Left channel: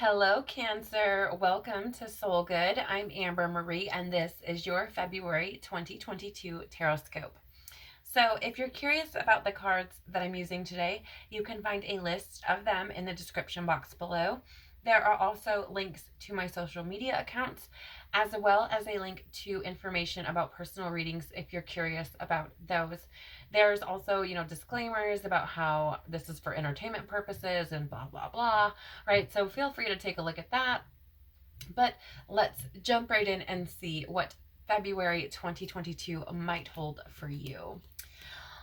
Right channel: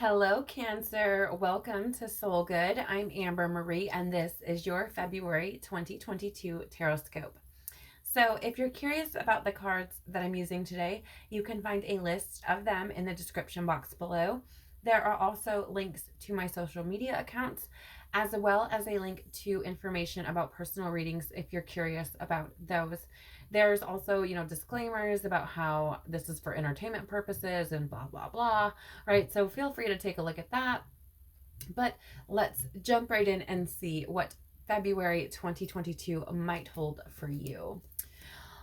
Hello, Cancer. Welcome to Soul Good. I'm Amber Marie, and this is your February 2022 Tarotscope. So, if you're curious about the cards that I'm using today, you can find a list of them in the description box below. There are also links to my social media accounts, as well as a link to information about personal readings if you're curious about those. There's also, disclaimers about how this is for entertainment purposes and blah, blah, blah, right? So feel free to take a look at that. But let's jump right in and see what February 2022 might hold for you.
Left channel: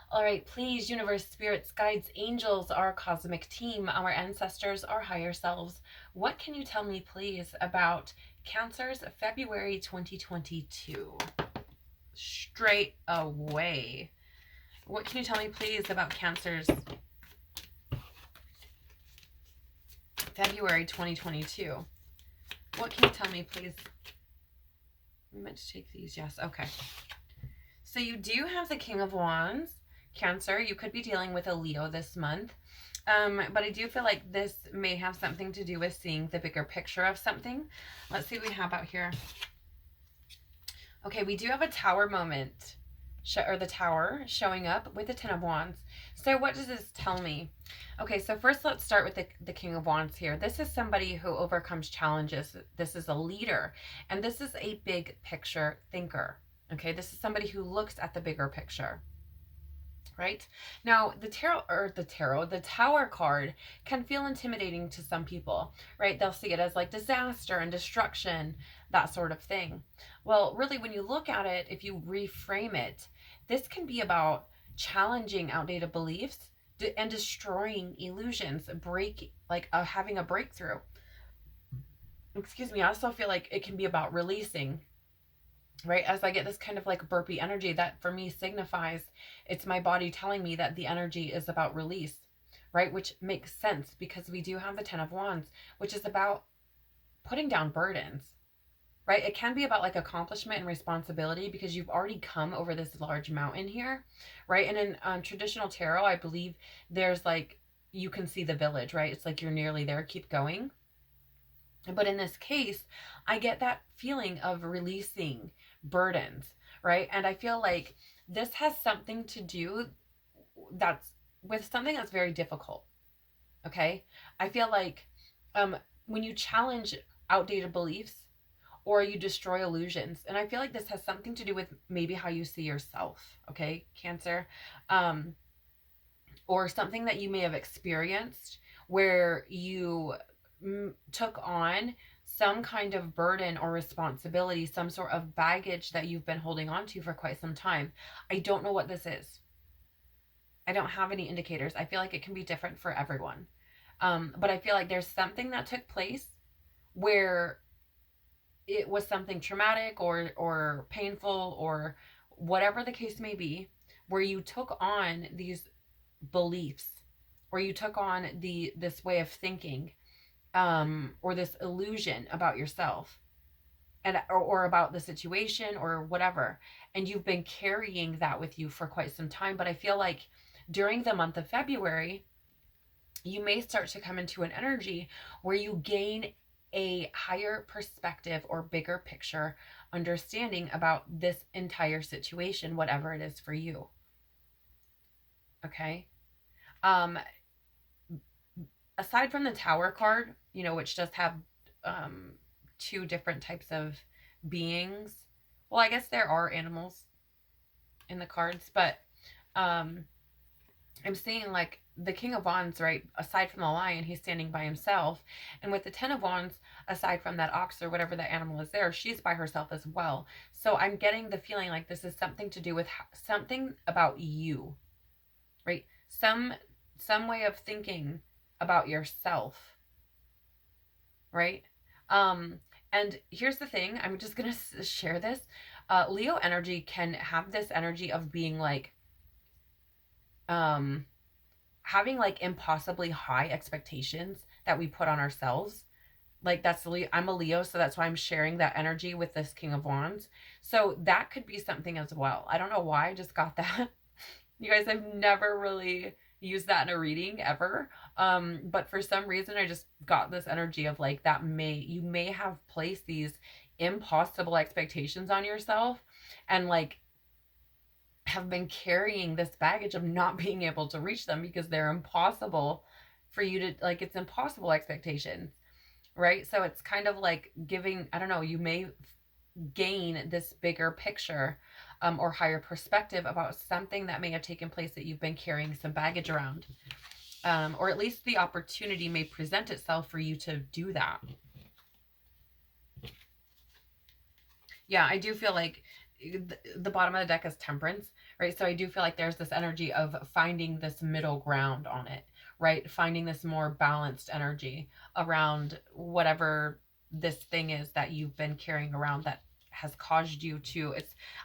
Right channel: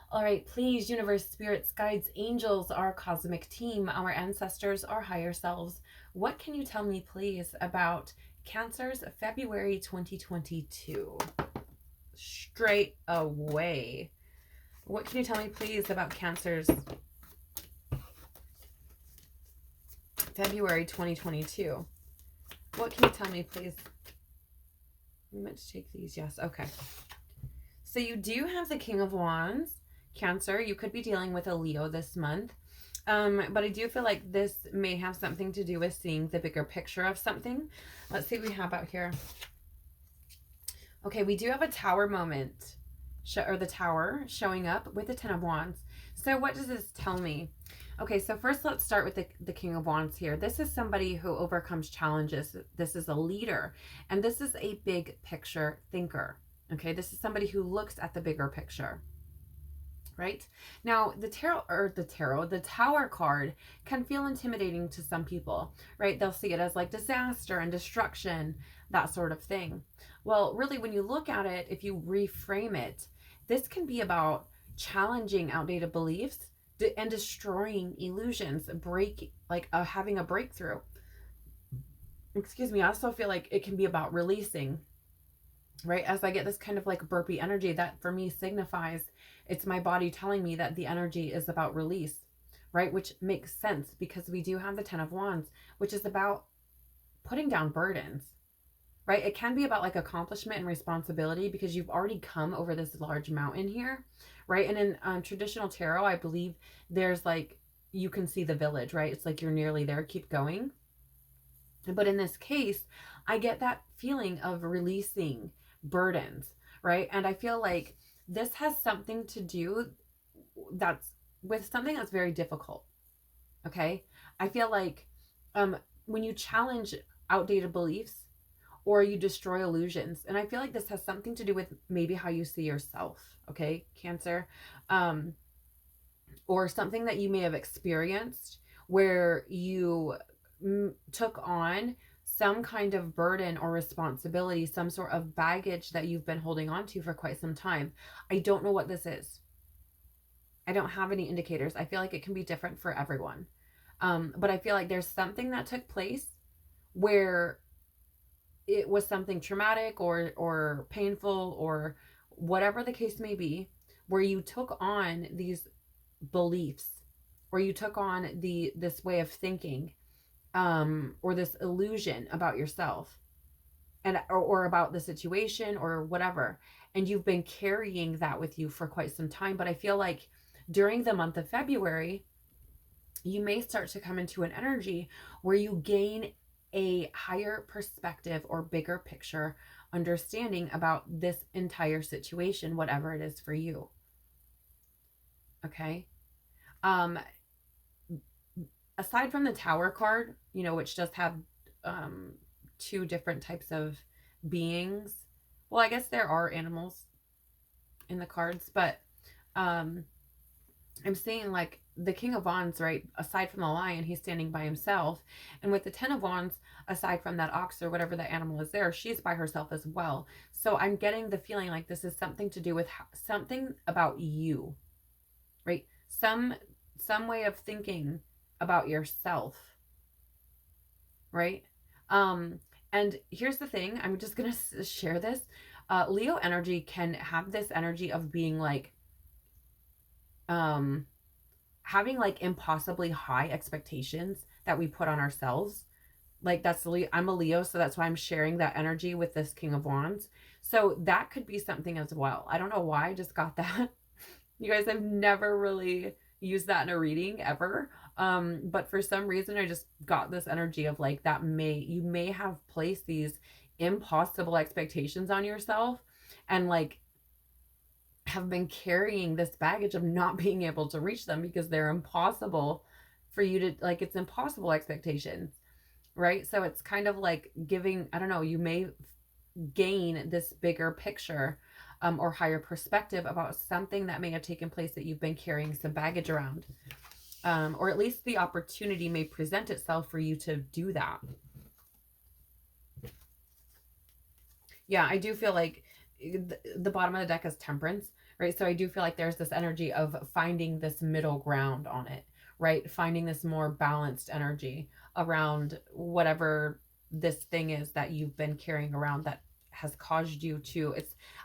All right, please, universe, spirits, guides, angels, our cosmic team, our ancestors, our higher selves, what can you tell me, please, about Cancer's February 2022? Straight away. What can you tell me, please, about Cancer's February 2022? What can you tell me, please? We meant to take these. Yes. Okay. So you do have the King of Wands. Cancer, you could be dealing with a Leo this month. But I do feel like this may have something to do with seeing the bigger picture of something. Let's see what we have out here. Okay, we do have a tower moment, or the tower showing up with the Ten of Wands. So what does this tell me? Okay, so first let's start with the King of Wands here. This is somebody who overcomes challenges. This is a leader, and this is a big picture thinker. Okay, this is somebody who looks at the bigger picture. Right? Now, the tower card can feel intimidating to some people, right? They'll see it as like disaster and destruction, that sort of thing. Well, really, when you look at it, if you reframe it, this can be about challenging outdated beliefs and destroying illusions, having a breakthrough. Excuse me. I also feel like it can be about releasing, right? As I get this kind of like burpy energy, that for me signifies it's my body telling me that the energy is about release, right? Which makes sense because we do have the Ten of Wands, which is about putting down burdens, right? It can be about like accomplishment and responsibility because you've already come over this large mountain here, right? And in traditional tarot, I believe there's like, you can see the village, right? It's like you're nearly there, keep going. But in this case, I get that feeling of releasing burdens, right? And I feel like this has something to do that's with something that's very difficult. Okay? I feel like when you challenge outdated beliefs or you destroy illusions, and I feel like this has something to do with maybe how you see yourself, okay, Cancer, or something that you may have experienced where you took on some kind of burden or responsibility, some sort of baggage that you've been holding on to for quite some time. I don't know what this is. I don't have any indicators. I feel like it can be different for everyone. But I feel like there's something that took place where it was something traumatic or painful or whatever the case may be, where you took on these beliefs or you took on this way of thinking, or this illusion about yourself and or about the situation or whatever, and you've been carrying that with you for quite some time. But I feel like during the month of February, you may start to come into an energy where you gain a higher perspective or bigger picture understanding about this entire situation, whatever it is for you. Okay. Aside from the Tower card, which does have two different types of beings. Well, I guess there are animals in the cards, but I'm seeing like the King of Wands, right? Aside from the lion, he's standing by himself. And with the Ten of Wands, aside from that ox or whatever that animal is there, she's by herself as well. So I'm getting the feeling like this is something to do with something about you, right? Some way of thinking about yourself, right? And here's the thing, I'm just gonna share this. Leo energy can have this energy of being like having like impossibly high expectations that we put on ourselves. Like I'm a Leo, so that's why I'm sharing that energy with this King of Wands. So that could be something as well. I don't know why I just got that. You guys, I've never really used that in a reading ever. But for some reason, I just got this energy of like that you may have placed these impossible expectations on yourself and like have been carrying this baggage of not being able to reach them because they're impossible for you to like, it's impossible expectations, right? So it's kind of like giving, I don't know, you may gain this bigger picture or higher perspective about something that may have taken place that you've been carrying some baggage around. Or at least the opportunity may present itself for you to do that. Yeah, I do feel like the bottom of the deck is Temperance, right? So I do feel like there's this energy of finding this middle ground on it, right? Finding this more balanced energy around whatever this thing is that you've been carrying around that has caused you to,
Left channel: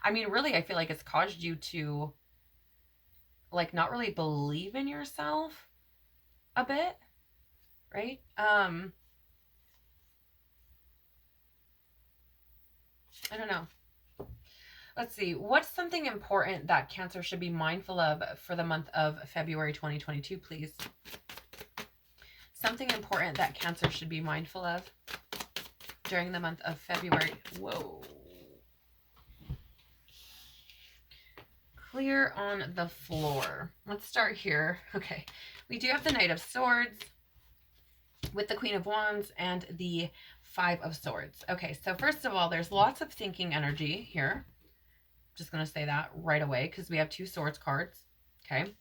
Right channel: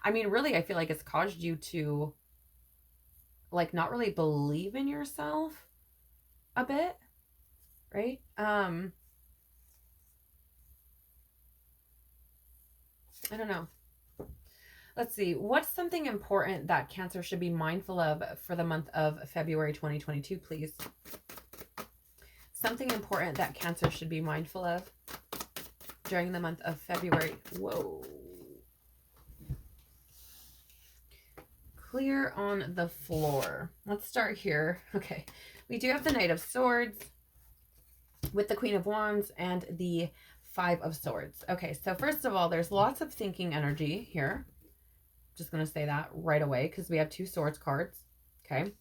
I mean, really, I feel like it's caused you to like not really believe in yourself a bit, right? I don't know. Let's see. What's something important that Cancer should be mindful of for the month of February 2022, please? Something important that Cancer should be mindful of during the month of February. Whoa. Clear on the floor. Let's start here. Okay. We do have the Knight of Swords with the Queen of Wands and the Five of Swords. Okay, so first of all, there's lots of thinking energy here. Just going to say that right away because we have two swords cards. Okay.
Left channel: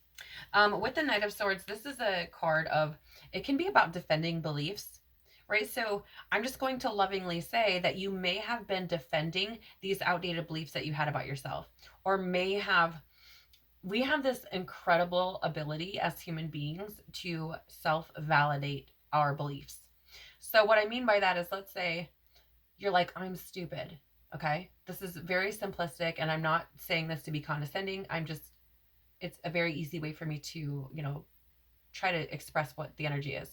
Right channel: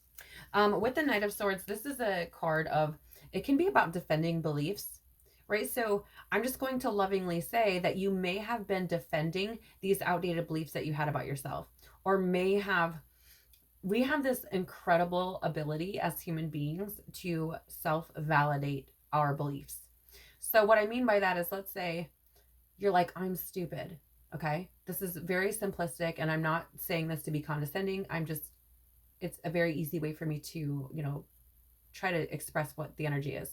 With the Knight of Swords, this is a card of, it can be about defending beliefs, right? So I'm just going to lovingly say that you may have been defending these outdated beliefs that you had about yourself, or we have this incredible ability as human beings to self-validate our beliefs. So what I mean by that is, let's say you're like, I'm stupid. Okay. This is very simplistic and I'm not saying this to be condescending. It's a very easy way for me to, try to express what the energy is.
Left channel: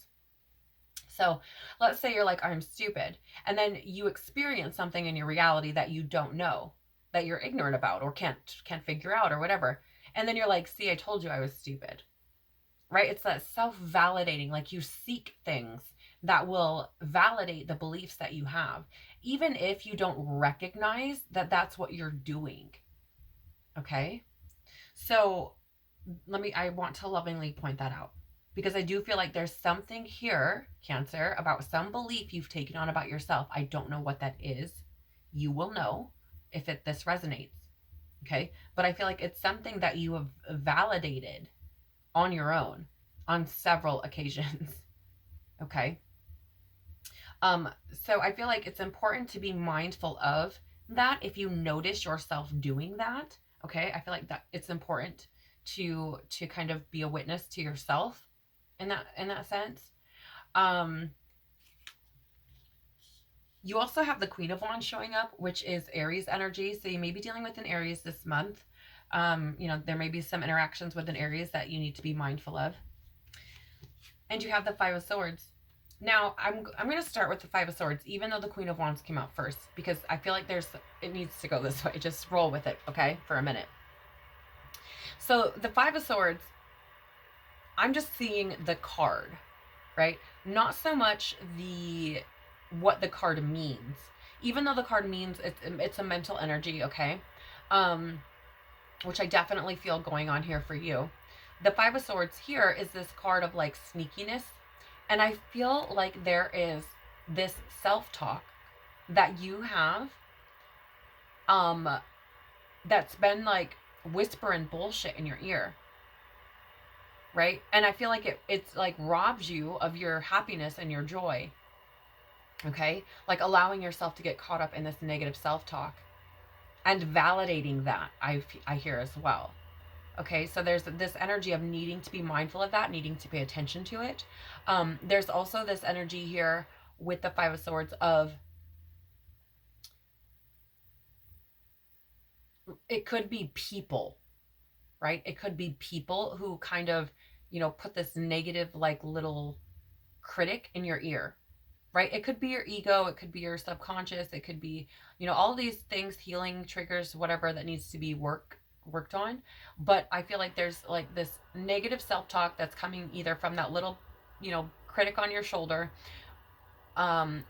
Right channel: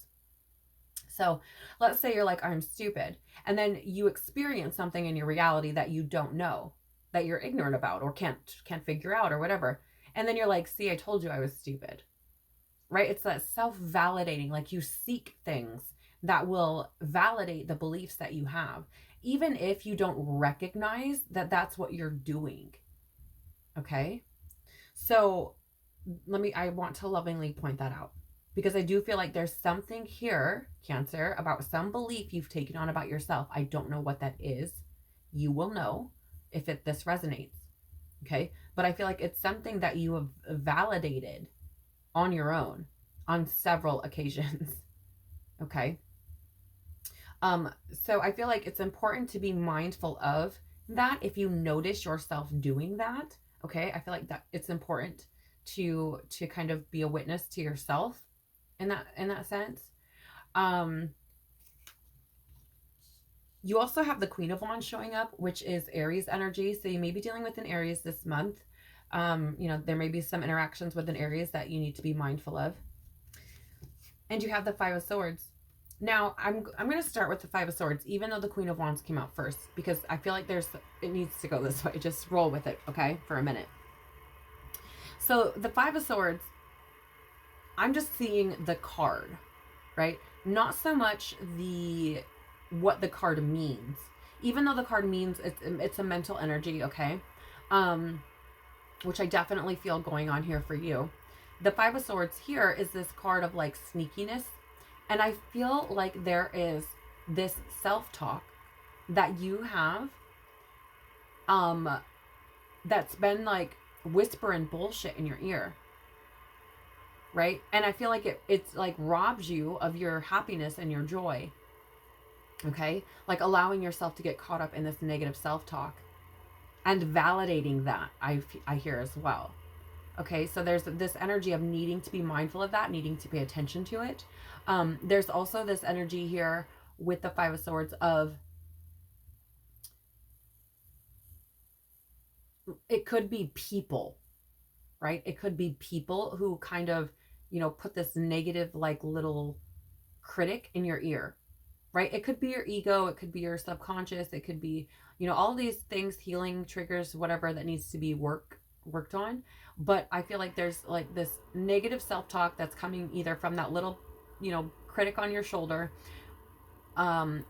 So let's say you're like, I'm stupid. And then you experience something in your reality that you don't know, that you're ignorant about or can't figure out or whatever. And then you're like, see, I told you I was stupid, right? It's that self-validating, like you seek things that will validate the beliefs that you have, even if you don't recognize that that's what you're doing. Okay. So I want to lovingly point that out because I do feel like there's something here, Cancer, about some belief you've taken on about yourself. I don't know what that is. You will know if this resonates. Okay. But I feel like it's something that you have validated on your own on several occasions. Okay. So I feel like it's important to be mindful of that if you notice yourself doing that. Okay. I feel like that it's important to kind of be a witness to yourself in that sense. You also have the Queen of Wands showing up, which is Aries energy. So you may be dealing with an Aries this month. There may be some interactions with an Aries that you need to be mindful of. And you have the Five of Swords. Now, I'm going to start with the Five of Swords, even though the Queen of Wands came out first, because I feel like it needs to go this way. Just roll with it, okay, for a minute. So the Five of Swords, I'm just seeing the card, right? Not so much what the card means, even though the card means it's a mental energy, okay? Which I definitely feel going on here for you. The Five of Swords here is this card of like sneakiness. And I feel like there is this self-talk that you have that's been like whispering bullshit in your ear. Right? And I feel like it's like robs you of your happiness and your joy. Okay? Like allowing yourself to get caught up in this negative self-talk and validating that I hear as well. Okay, so there's this energy of needing to be mindful of that, needing to pay attention to it. There's also this energy here with the Five of Swords of, it could be people, right? It could be people who kind of, put this negative, like little critic in your ear, right? It could be your ego. It could be your subconscious. It could be, all these things, healing triggers, whatever that needs to be worked on. But I feel like there's like this negative self-talk that's coming either from that little critic on your shoulder,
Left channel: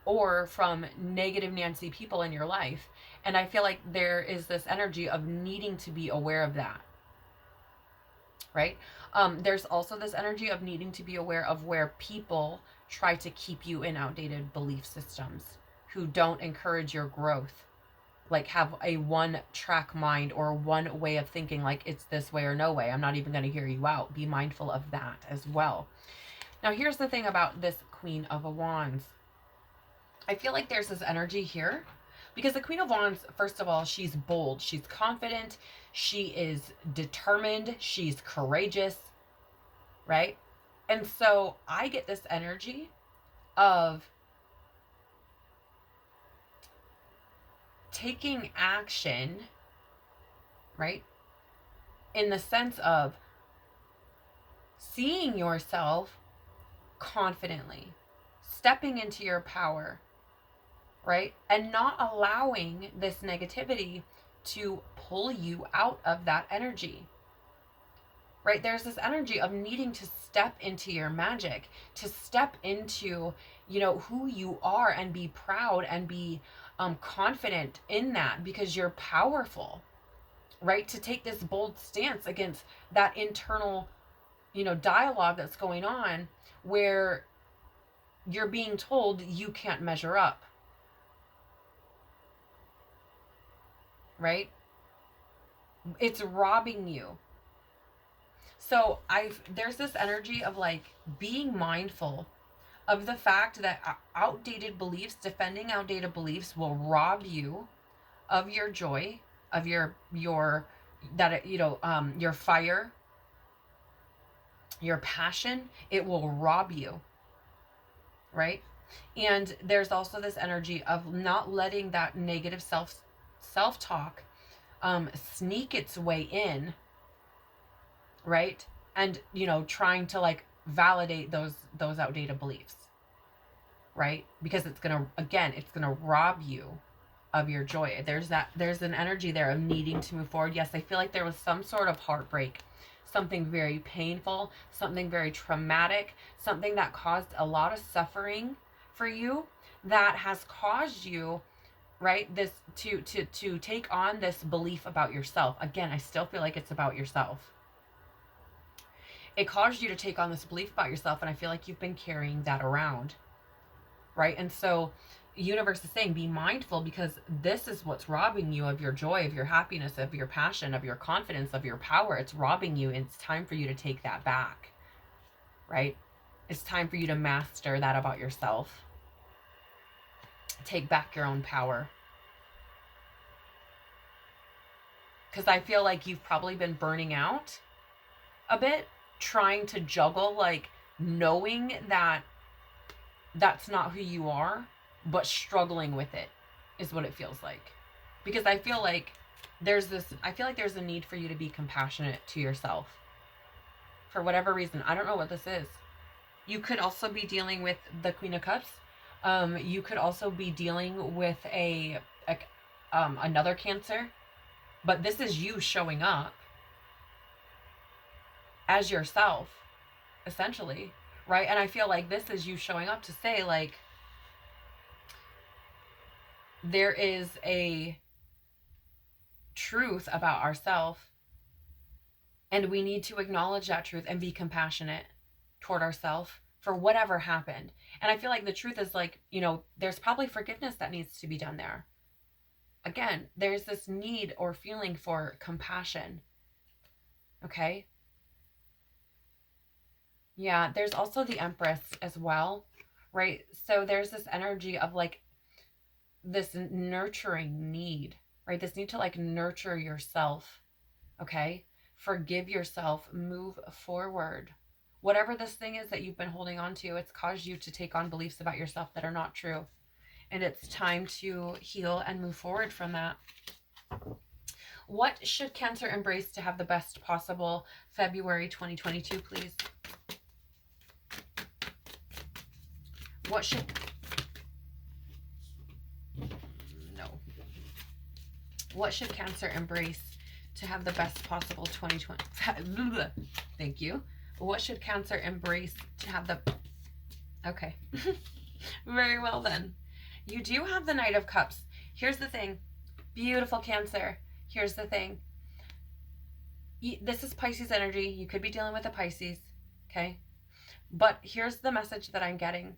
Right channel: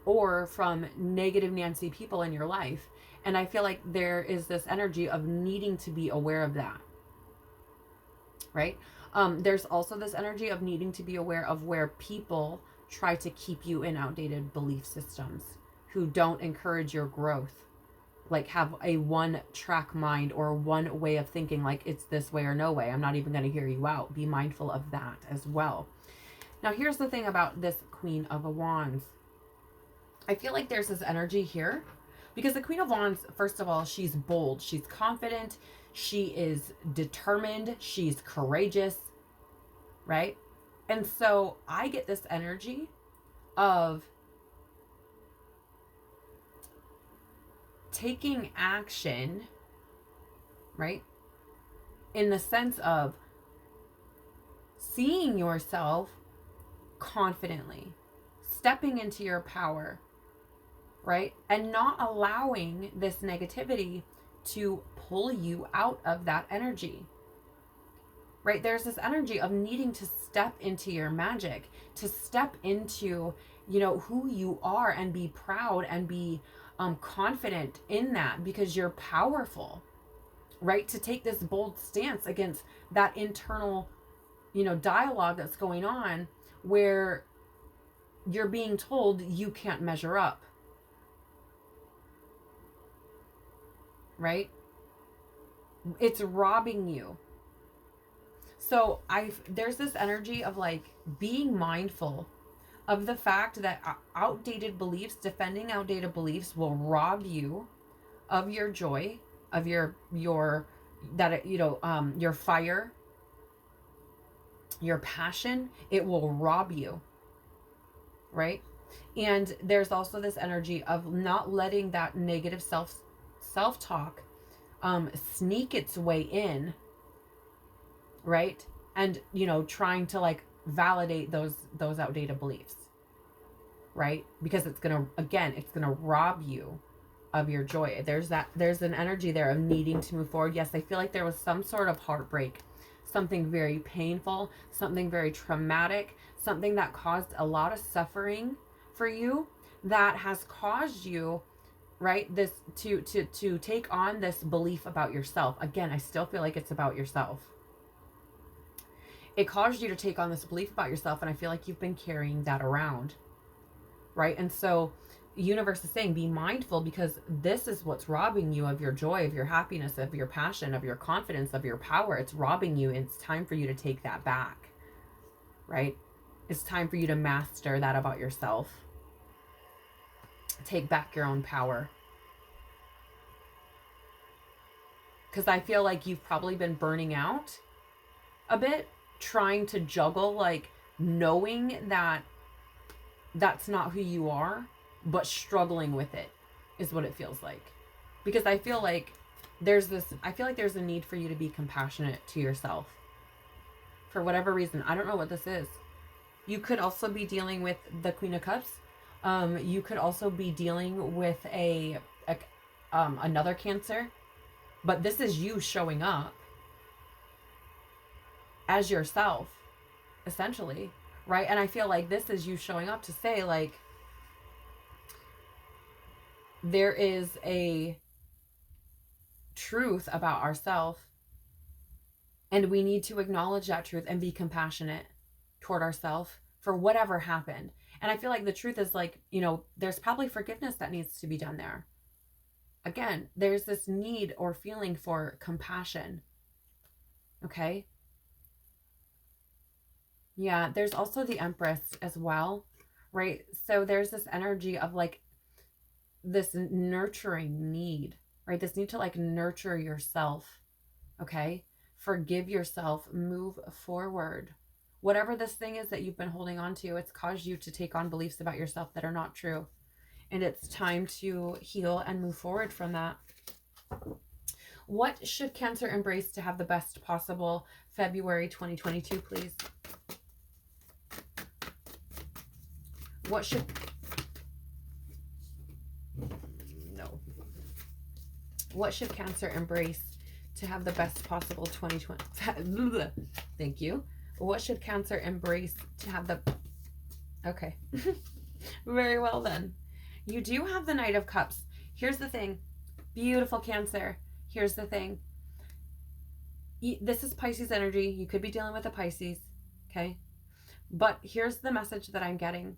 or from negative Nancy people in your life. And I feel like there is this energy of needing to be aware of that, right? There's also this energy of needing to be aware of where people try to keep you in outdated belief systems, who don't encourage your growth, like have a one track mind or one way of thinking, like it's this way or no way. I'm not even going to hear you out. Be mindful of that as well. Now, here's the thing about this Queen of Wands. I feel like there's this energy here because the Queen of Wands, first of all, she's bold, she's confident, she is determined, she's courageous, right? And so I get this energy of taking action, right? In the sense of seeing yourself confidently, stepping into your power, right? And not allowing this negativity to pull you out of that energy, right? There's this energy of needing to step into your magic, to step into, who you are and be proud and be confident in that, because you're powerful, right? To take this bold stance against that internal, dialogue that's going on where you're being told you can't measure up, right? It's robbing you. So there's this energy of like being mindful of the fact that defending outdated beliefs will rob you of your joy, of your fire, your passion. It will rob you, right? And there's also this energy of not letting that negative self-talk sneak its way in, right? And trying to like validate those outdated beliefs, right? Because it's gonna rob you of your joy. There's an energy there of needing to move forward. Yes, I feel like there was some sort of heartbreak, something very painful, something very traumatic, something that caused a lot of suffering for you, that has caused you, right, this to take on this belief about yourself. Again, I still feel like it's about yourself. It caused you to take on this belief about yourself, and I feel like you've been carrying that around, right? And so universe is saying be mindful, because this is what's robbing you of your joy, of your happiness, of your passion, of your confidence, of your power. It's robbing you, and it's time for you to take that back, right? It's time for you to master that about yourself. Take back your own power. Because I feel like you've probably been burning out a bit, trying to juggle, like knowing that that's not who you are, but struggling with it is what it feels like. Because I feel like there's a need for you to be compassionate to yourself for whatever reason. I don't know what this is. You could also be dealing with the Queen of Cups. You could also be dealing with another Cancer, but this is you showing up as yourself, essentially, right? And I feel like this is you showing up to say, like, there is a truth about ourselves, and we need to acknowledge that truth and be compassionate toward ourselves for whatever happened. And I feel like the truth is, like, there's probably forgiveness that needs to be done there. Again, there's this need or feeling for compassion. Okay? Yeah, there's also the Empress as well, right? So there's this energy of like this nurturing need, right? This need to like nurture yourself, okay? Forgive yourself, move forward. Whatever this thing is that you've been holding on to, it's caused you to take on beliefs about yourself that are not true. And it's time to heal and move forward from that. What should Cancer embrace to have the best possible February 2022, please? What should... No. What should Cancer embrace to have the best possible 2020... Thank you. What should Cancer embrace to have the Okay. Very well then. You do have the Knight of Cups. Here's the thing. Beautiful Cancer. Here's the thing. This is Pisces energy. You could be dealing with a Pisces. Okay. But here's the message that I'm getting.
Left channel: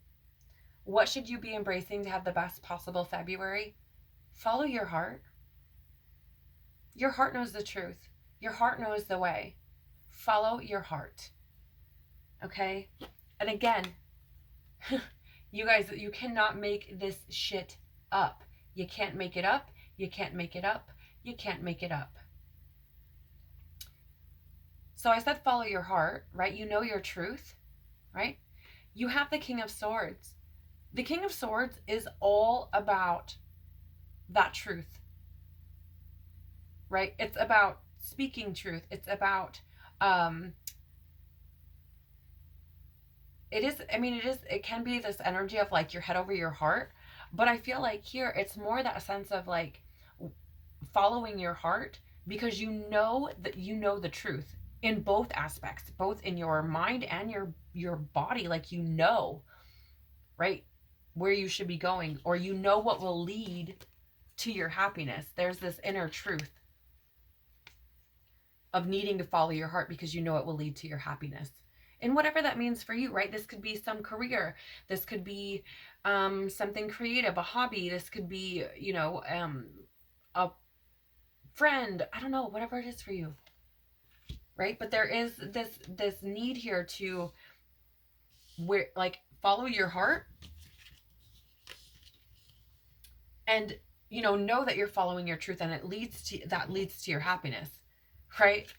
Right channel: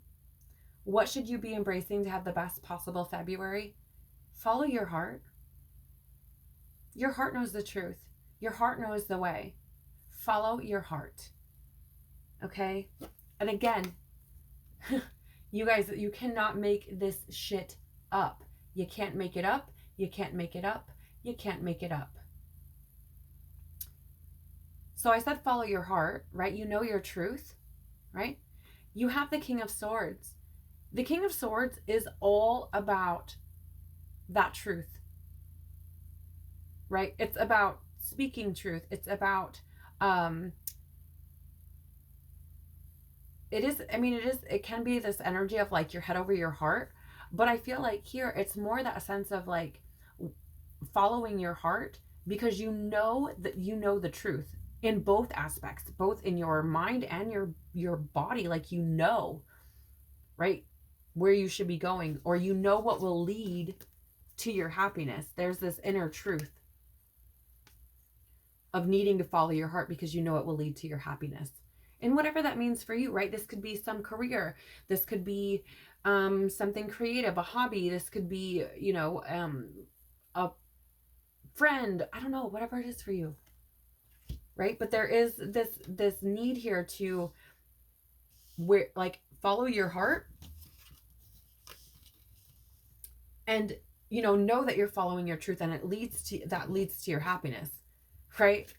What should you be embracing to have the best possible February? Follow your heart. Your heart knows the truth. Your heart knows the way. Follow your heart. Okay? And again, you guys, you cannot make this shit up. You can't make it up. You can't make it up. You can't make it up. So I said follow your heart, right? You know your truth, right? You have the King of Swords. The King of Swords is all about that truth, right? It's about speaking truth. It's about, it can be this energy of like your head over your heart, but I feel like here it's more that sense of like following your heart because you know the truth in both aspects, both in your mind and your body, like right, where you should be going, or what will lead to your happiness. There's this inner truth of needing to follow your heart because you know it will lead to your happiness. And whatever that means for you, right? This could be some career. This could be something creative, a hobby. This could be, a friend. I don't know, whatever it is for you, right? But there is this need here to follow your heart and know that you're following your truth, and leads to your happiness, right?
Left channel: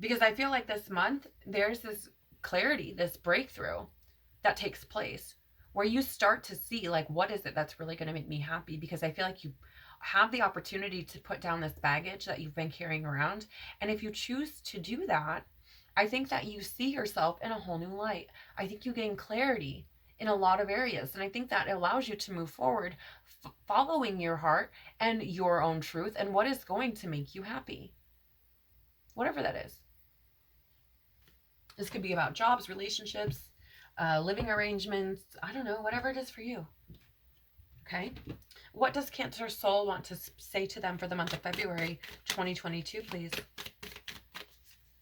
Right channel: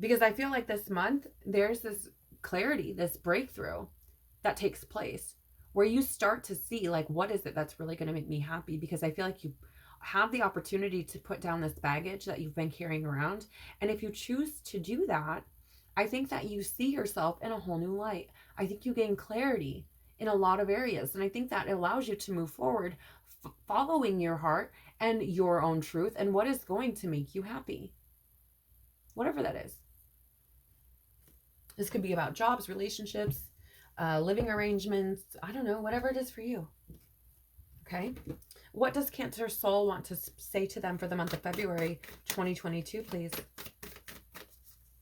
Because I feel like this month there's this clarity, this breakthrough that takes place where you start to see like, what is it that's really going to make me happy? Because I feel like you have the opportunity to put down this baggage that you've been carrying around. And if you choose to do that, I think that you see yourself in a whole new light. I think you gain clarity in a lot of areas. And I think that allows you to move forward following your heart and your own truth and what is going to make you happy. Whatever that is. This could be about jobs, relationships, living arrangements. I don't know, whatever it is for you. Okay. What does Cancer soul want to say to them for the month of February 2022, please?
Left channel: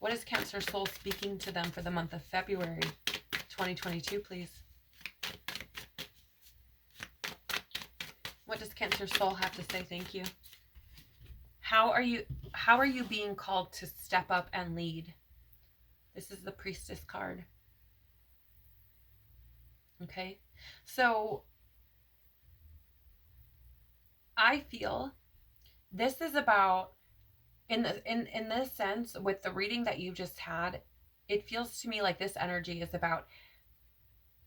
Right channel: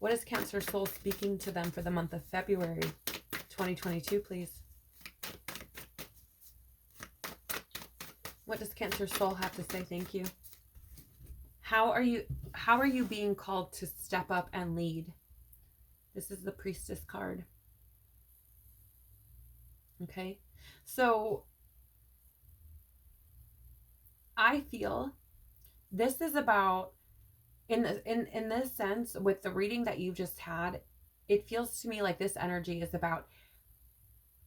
What is Cancer soul speaking to them for the month of February 2022, please? What does Cancer soul have to say? Thank you. How are you being called to step up and lead? This is the Priestess card. Okay. So I feel this is about, in this sense, with the reading that you just had, it feels to me like this energy is about,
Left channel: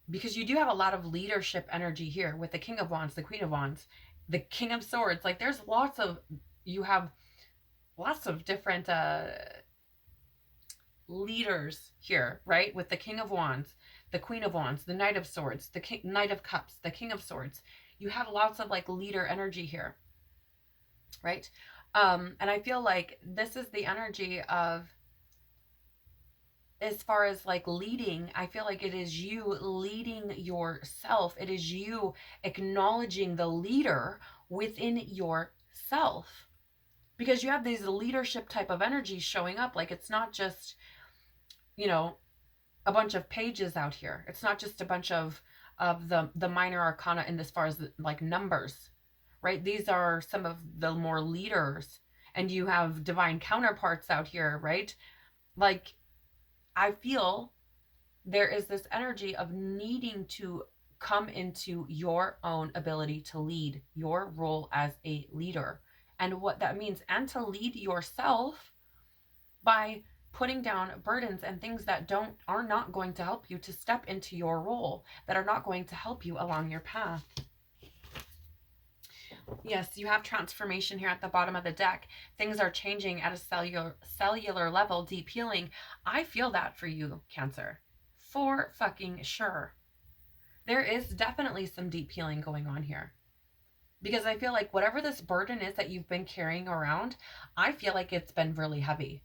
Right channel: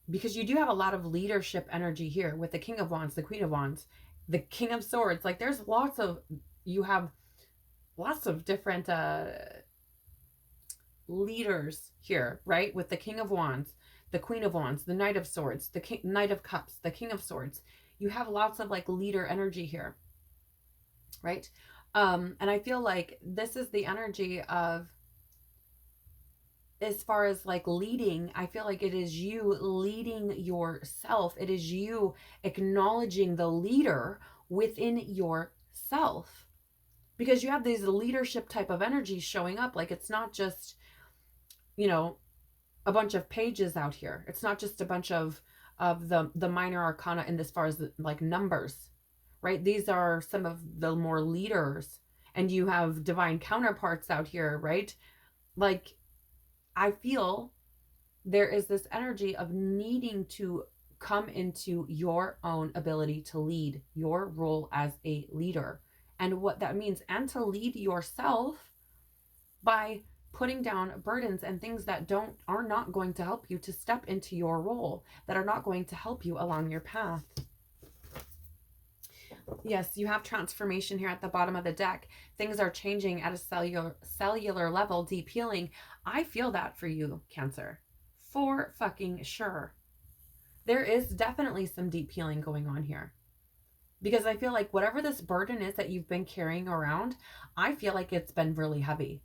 because you do have a lot of leadership energy here with the King of Wands, the Queen of Wands, the King of Swords. Like there's you have lots of different leaders here, right? With the King of Wands, the Queen of Wands, the Knight of Swords, the Knight of Cups, the King of Swords. You have lots of like leader energy here, right? And I feel like this is the energy of, as far as like leading, I feel like it is you leading yourself. It is you acknowledging the leader within yourself, because you have these leadership type of energies showing up. Like it's not just, a bunch of pages out here. It's not just a bunch of the minor arcana in as far as like numbers, right? These are some of the more leaders, and you have divine counterparts out here, right? Like I feel there is this energy of needing to come into your own ability to lead, your role as a leader, and what that means, and to lead yourself by putting down burdens and things that are not going to help you to step into your role, that are not going to help you along your path. Yes, you have transformation here at the bottom of the deck. Things are changing at a cellular level, deep healing. I feel that for you, Cancer. For fucking sure. There is definitely some deep healing going on here. Because I feel like whatever this burden is that you've been carrying around, I feel like it's been really heavy.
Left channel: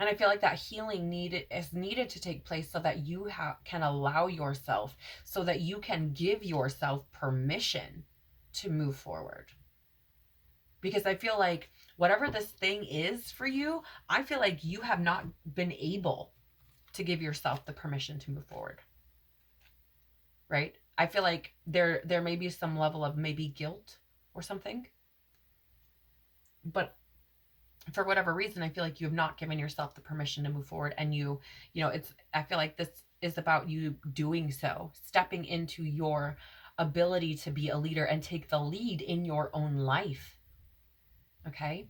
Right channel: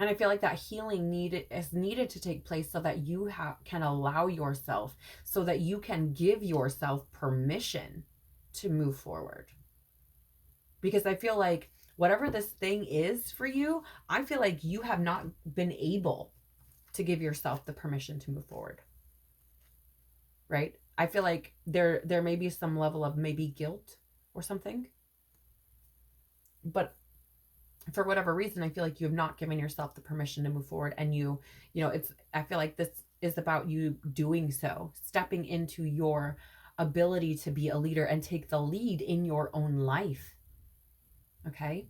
And I feel like that healing is needed to take place so that you can allow yourself, so that you can give yourself permission to move forward. Because I feel like whatever this thing is for you, I feel like you have not been able to give yourself the permission to move forward. Right? I feel like there may be some level of maybe guilt or something. But for whatever reason, I feel like you have not given yourself the permission to move forward. And I feel like this is about you doing so, stepping into your ability to be a leader and take the lead in your own life. Okay.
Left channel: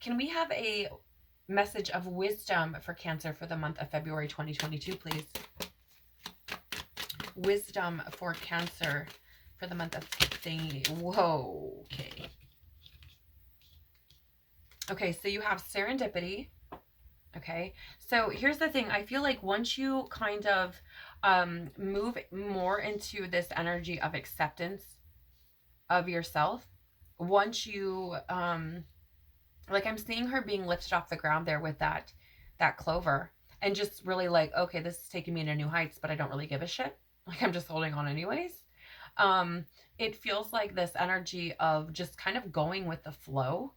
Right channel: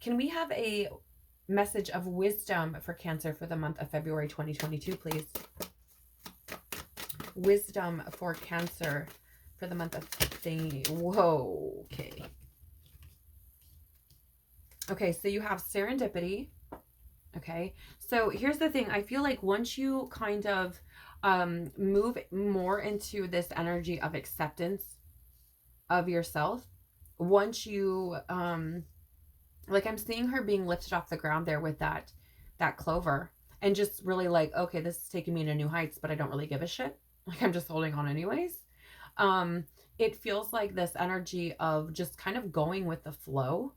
Can we have a message of wisdom for Cancer for the month of February 2022, please? Wisdom for Cancer for the month of Whoa. Okay. Okay, so you have serendipity. Okay, so here's the thing. I feel like once you kind of move more into this energy of acceptance of yourself, once you like, I'm seeing her being lifted off the ground there with that clover, and just really like, okay, this is taking me to new heights, but I don't really give a shit. Like, I'm just holding on anyways. It feels like this energy of just kind of going with the flow,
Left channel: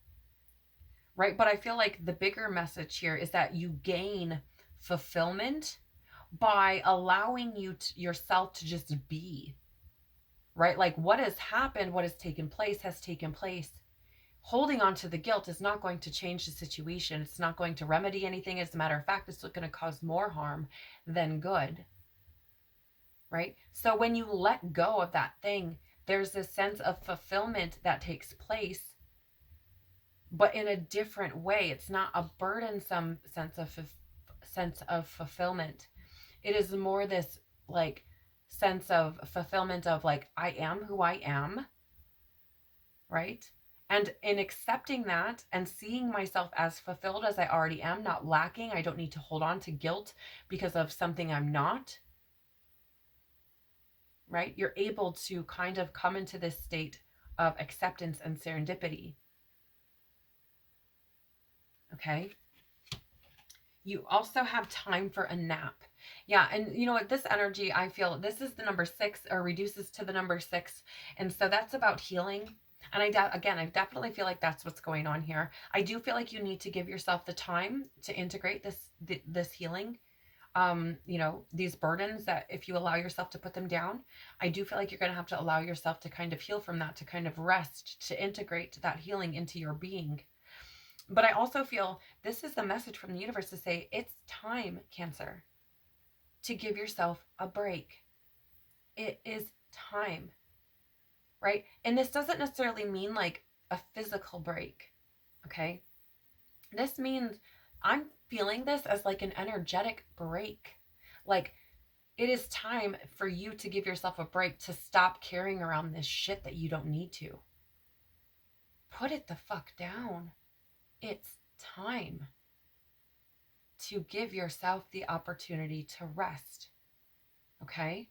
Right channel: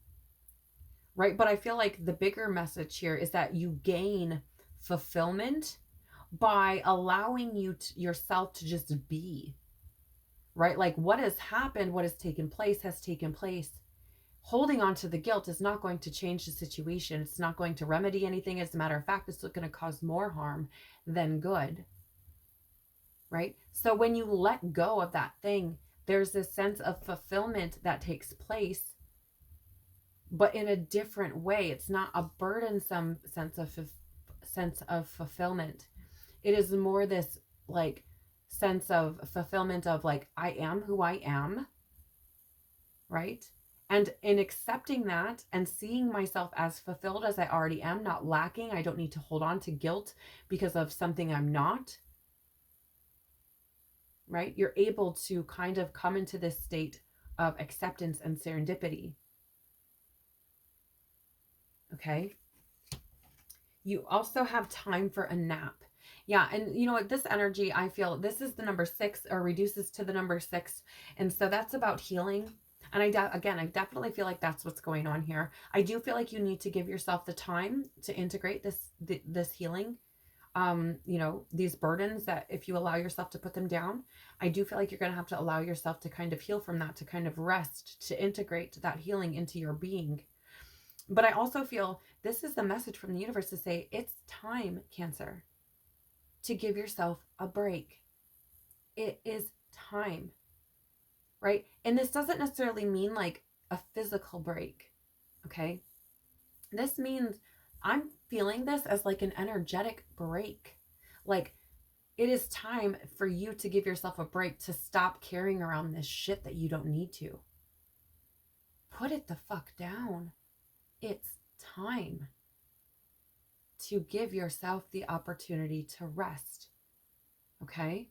right? But I feel like the bigger message here is that you gain fulfillment by allowing yourself to just be, right? Like, what has happened, what has taken place has taken place. Holding on to the guilt is not going to change the situation. It's not going to remedy anything. As a matter of fact, it's going to cause more harm than good, right? So when you let go of that thing, there's this sense of fulfillment that takes place, but in a different way. It's not a burdensome sense of fulfillment. It is more this like sense of fulfillment of like, I am who I am, right? And in accepting that and seeing myself as fulfilled as I already am, not lacking, I don't need to hold on to guilt because of something I'm not, right? You're able to kind of come into this state of acceptance and serendipity. Okay. You also have time for a nap. Yeah, and you know what? This energy, I feel this is the number 6, or reduces to the number 6. And so that's about healing. And I definitely feel like that's what's going on here. I do feel like you need to give yourself the time to integrate this healing. These burdens that if you allow yourself to put them down, I do feel like you're going to have to allow yourself to kind of heal from that, to kind of rest, to integrate that healing into your being. But I also feel this is the message from the universe to say it's time, Cancer, to give yourself a break. It is time, right? And this doesn't necessarily mean like a physical break, okay? This means I'm feeling this as like an energetic break. Like, it is time for you to give yourself a break, to stop carrying around this shit that you don't need to. Put it the fuck down. It's time to give yourself the opportunity to rest. Okay?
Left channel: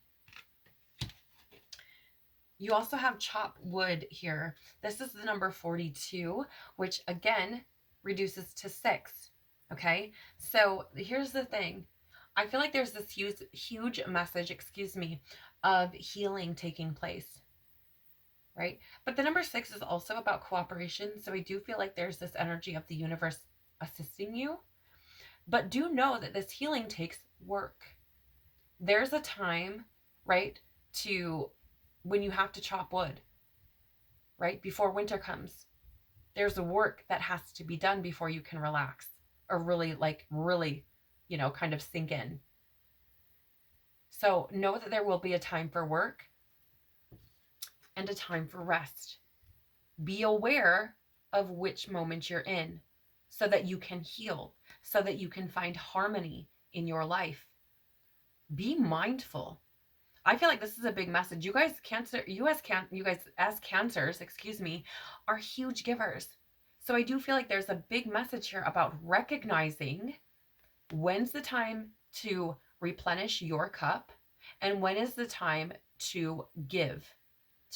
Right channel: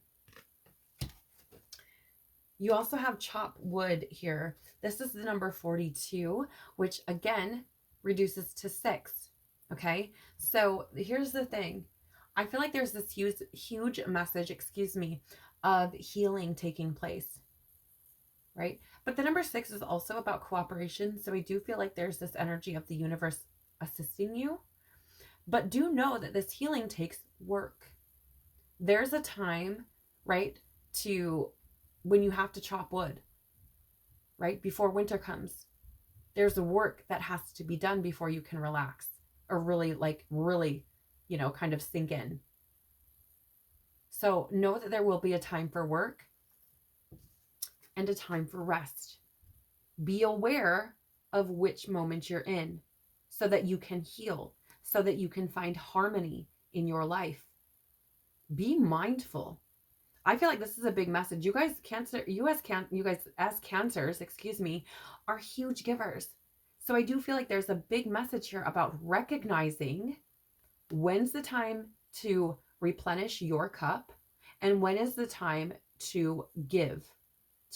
You also have chop wood here. This is the number 42, which again reduces to 6. Okay? So here's the thing. I feel like there's this huge message, of healing taking place. Right? But the number 6 is also about cooperation. So I do feel like there's this energy of the universe assisting you. But do know that this healing takes work. There's a time, right, when you have to chop wood, right, before winter comes. There's a work that has to be done before you can relax or really, kind of sink in. So know that there will be a time for work and a time for rest. Be aware of which moment you're in so that you can heal, so that you can find harmony in your life. Be mindful. I feel like this is a big message. You guys as cancers, are huge givers. So I do feel like there's a big message here about recognizing when's the time to replenish your cup and when is the time to give,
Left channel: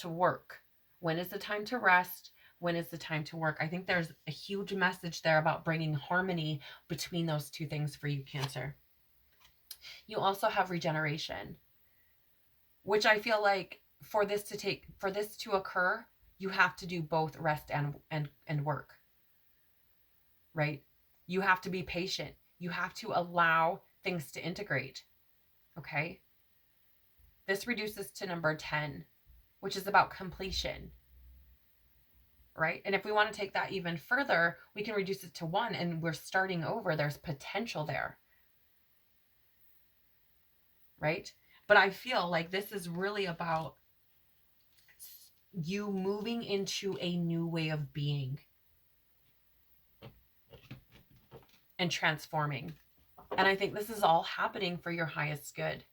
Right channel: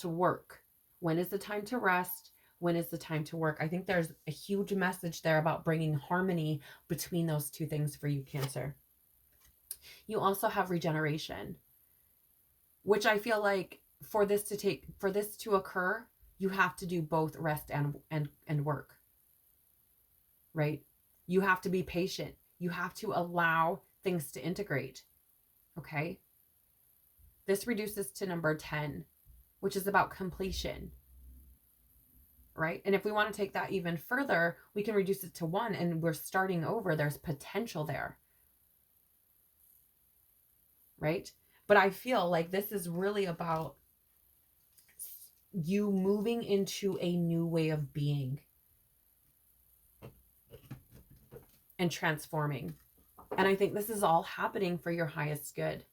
to work. When is the time to rest? When is the time to work? I think there's a huge message there about bringing harmony between those two things for you, Cancer. You also have regeneration, which I feel like for this to occur, you have to do both rest and work, right? You have to be patient. You have to allow things to integrate. Okay? This reduces to number 10, which is about completion. Right? And if we want to take that even further, we can reduce it to 1 and we're starting over. There's potential there. Right? But I feel like this is really about you moving into a new way of being and transforming. And I think this is all happening for your highest good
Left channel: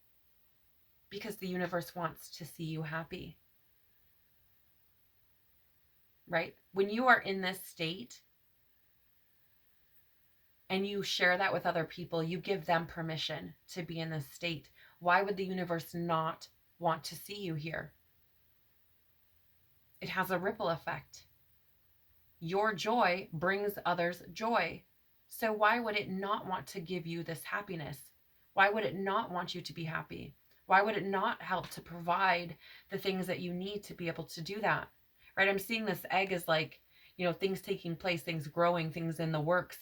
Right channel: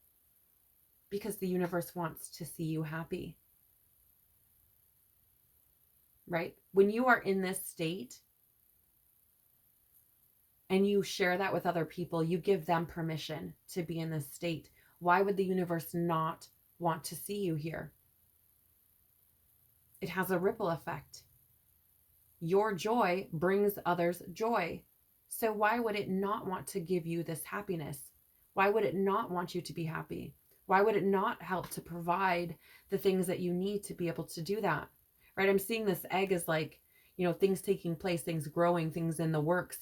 because the universe wants to see you happy. Right? When you are in this state and you share that with other people, you give them permission to be in this state. Why would the universe not want to see you here? It has a ripple effect. Your joy brings others joy. So why would it not want to give you this happiness? Why would it not want you to be happy? Why would it not help to provide the things that you need to be able to do that? Right? I'm seeing this egg as like, things taking place, things growing, things in the works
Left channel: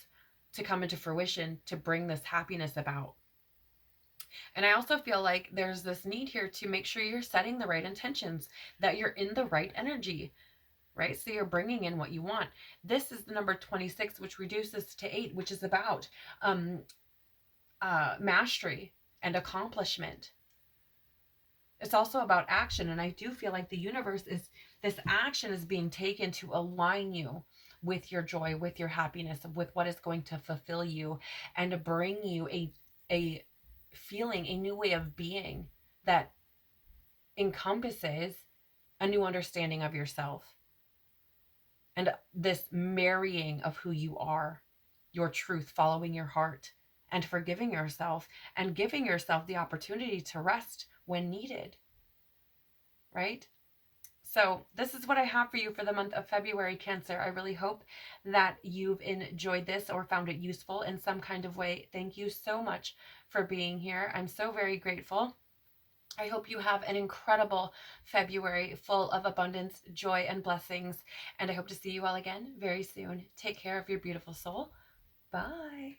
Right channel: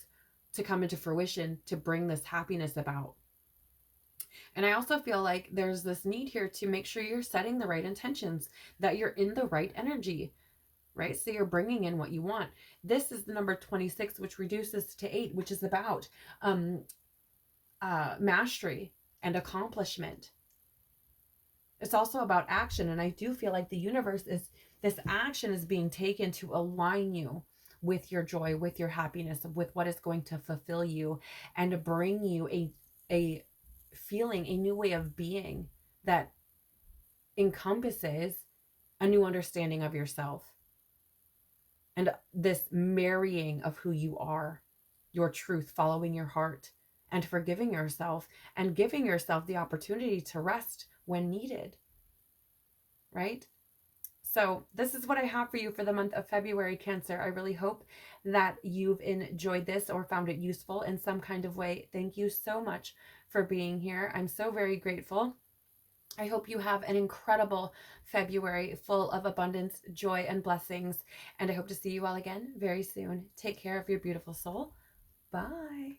to come into fruition to bring this happiness about. And I also feel like there's this need here to make sure you're setting the right intentions, that you're in the right energy, right? So you're bringing in what you want. This is the number 26, which reduces to 8, which is about mastery and accomplishment. It's also about action. And I do feel like the universe this action is being taken to align you with your joy, with your happiness, with what is going to fulfill you and to bring you a feeling, a new way of being that encompasses a new understanding of yourself and this marrying of who you are, your truth, following your heart and forgiving yourself and giving yourself the opportunity to rest when needed, right? So this is what I have for you for the month of February, Cancer. I really hope that you've enjoyed this or found it useful in some kind of way. Thank you so much for being here. I'm so very grateful. I hope you have an incredible February full of abundance, joy, and blessings. And I hope to see you all again very soon. Take care of your beautiful soul. Bye.